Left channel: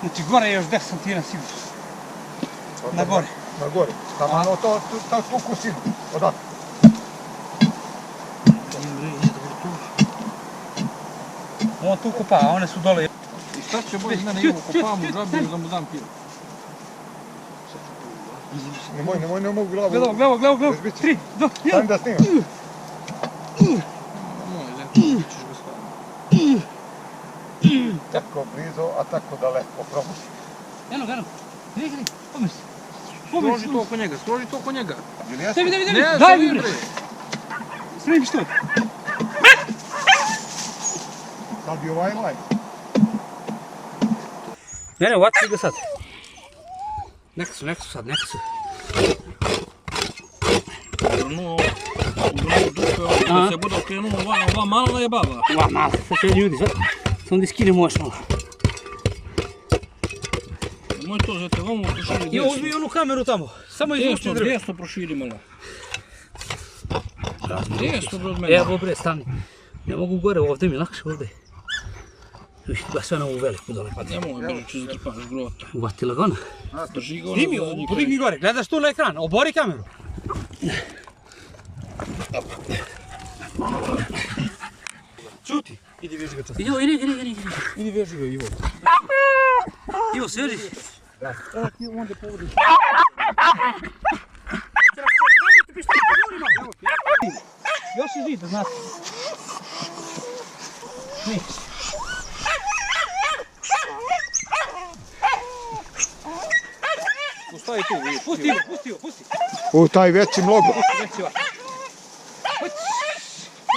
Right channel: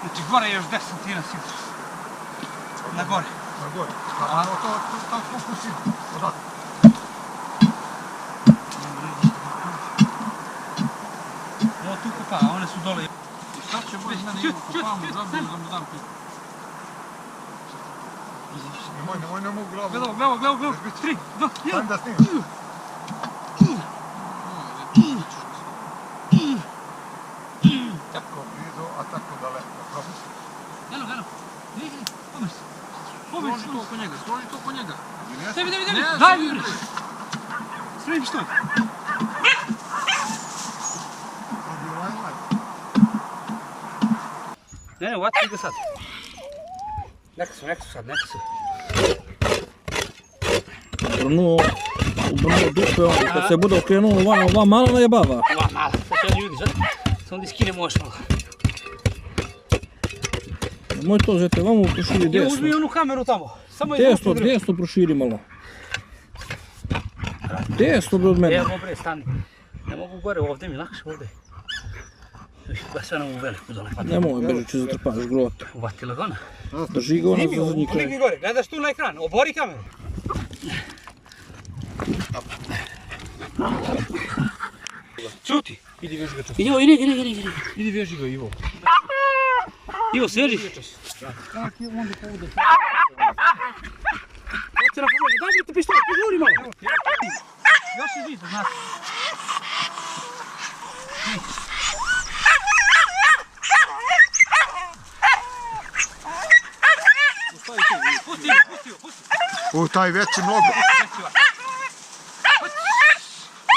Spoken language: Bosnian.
Znači gore je još 10 santina sigurno. Na gore. Na gore. Tamo to kuku sinu. Odatak. On tu kopa, a one su dole. I šta će bolj mene imamo kopamo džabi da mu dam pivo? Nemoj, ne mogu glavu. Glavo. 3, 2, 1. Stavim da snimam. Ćeš ga staviti. Tako blizu, a tako daleko. Probuši. Eno. Gdje, pomeš. Stroži to oko njega. Tebi. Ne, Daj mi mi bre. Sredi mi što je. Sad bi ovaj live. Ne, uvati ga sad. Neka su sad. Vrnuo u dupe, da se bude okrenuo ova mala jebava. Ova mala, sad će ljudi, sam da skinem još malo. Nemoj to, zete, vamo proširi desno. Uzmi onu kameru tamo, samo je Desno proširi malo. Desno bre od mene. Evo bre, stani. Ne mogu gore, ovdje mi lakše ovdje. Ba sve na ovu veliku dole padne. Nemoj, bežu će zatrpaš grot. Uvati lagano. Drži ga ono za zadnji kraj. Digni gore, gledaš tu na ekran, obori kameru. Čuti. Idi veži ga čuti. Idi veži ga, Ivo. Ivo, sveži. Kako je onda povodu? Hoće na pomoći, daj mi te pištolj, požuri malo. Još je žita, znate. Pusti tu. Pusti. U taj veći mnogo. Pusti.